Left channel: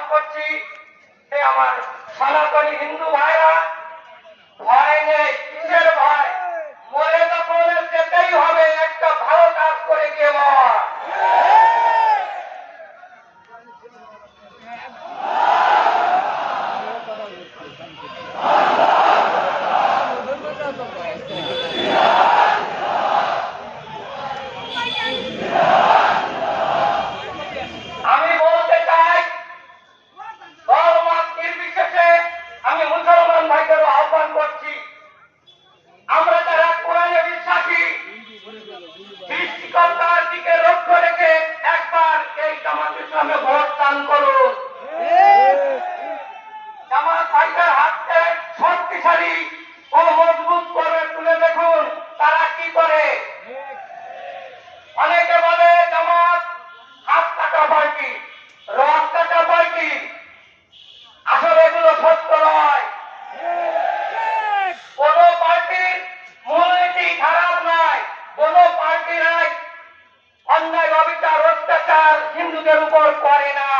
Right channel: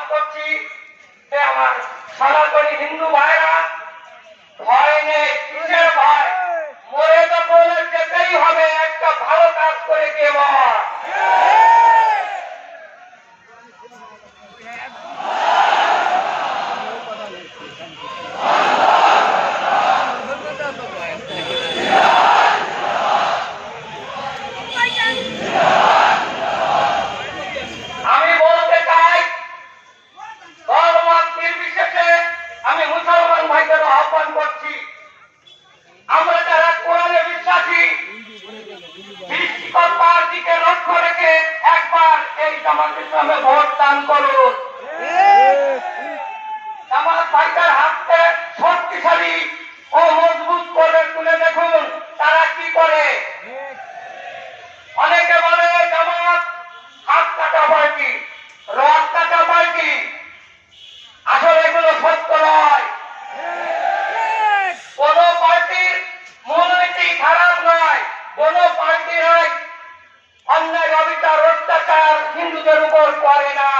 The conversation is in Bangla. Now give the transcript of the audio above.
আহ্বান করছি যে আমার সনাতনী হিন্দু ভাইরা, ভয় নেই, কিসের ভয়? মরে যখন যেতেই হবে, একটা ভালো কাজ করে গিয়ে মর। আমি বলতে চাই, ধর্ম নির্বিশেষে আমি মুসলমান ভাইদেরও আহ্বান করছি, আমরা যারা কোরআনে বিশ্বাসী, সৃষ্টিকর্তার দিকে লক্ষ্য রেখে একবার এই জামাত ইসলামে ভোট দান করুন। জামাত ভাইদের হাতকে শক্তিশালী ও মজবুত করে তুলে দেখুন তারা কি করে। অনেকে বলে জামাত হাত কাটা পার্টি, রথ কাটা পার্টি, আসলে এগুলো সত্য নয়। কোন পার্টির মূলনীতি খারাপ নয়, কোন পার্টিরাই অন্যায় অবিচার অত্যাচার হিন্দুদের উপর করে না।